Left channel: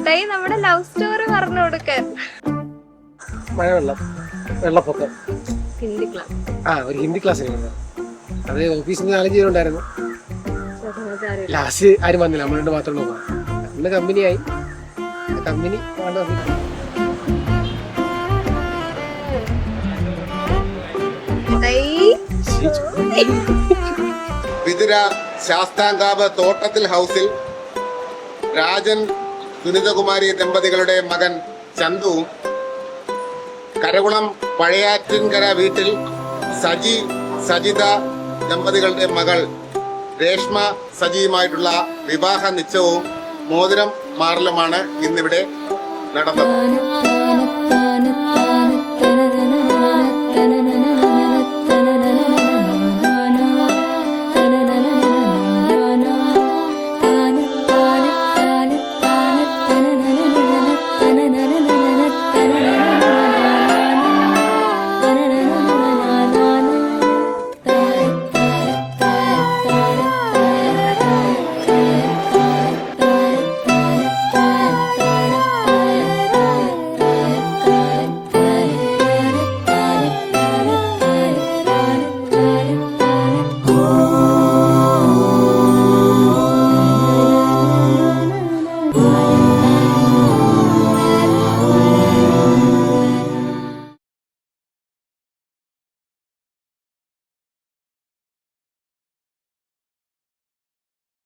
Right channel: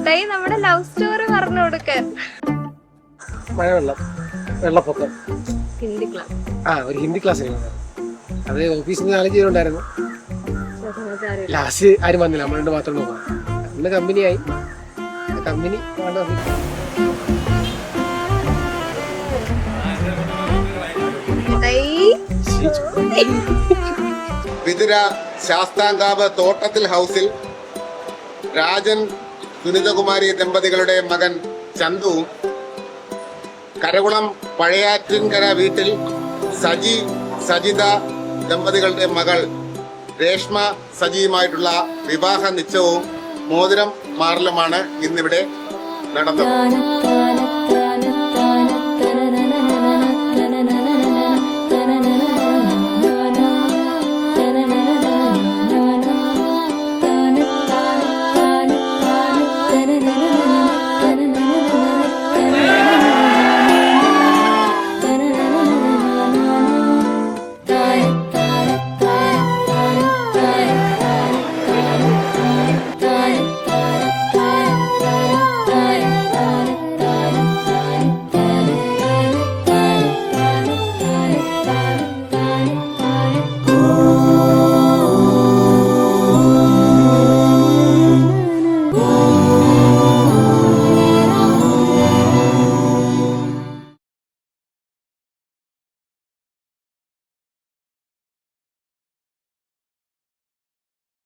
ചേട്ടായി നമ്മുടെ love story പറഞ്ഞു കൊടുക്കാൻ. മഴവെള്ളം, വെള്ളപ്പൊക്കം, ഹിന്ദി ക്ലാസ്. ഒരു ഹിന്ദി ക്ലാസ് അത് ഓഫീസിൽ നിന്ന് 4 പേരുണ്ടായിരുന്നു. ലാസ്റ്റ് ആരും വന്നില്ല, നമ്മളുണ്ട് മാത്രമേ പോകാം. അന്ന് കമ്പനിയായി. കമ്പനി വിതുര ശാസ്താംകാവ് തോട്ടത്തിൽ ഹൗസിൽ രാജൻ സുനിതകുമാരി ദമ്പതികളുടെ മകൻ ചന്തുവും കരകുളം പഴയാറ്റിൻകര വീട്ടിൽ സജിത ദമ്പതികളുടെ മകൾ രേഷ്മ സജിയുമായിട്ടുള്ള വിവാഹ നിശ്ചയവും മോതിരം മാറലുമാണ് ഇന്നിവിടെ നടന്നത്.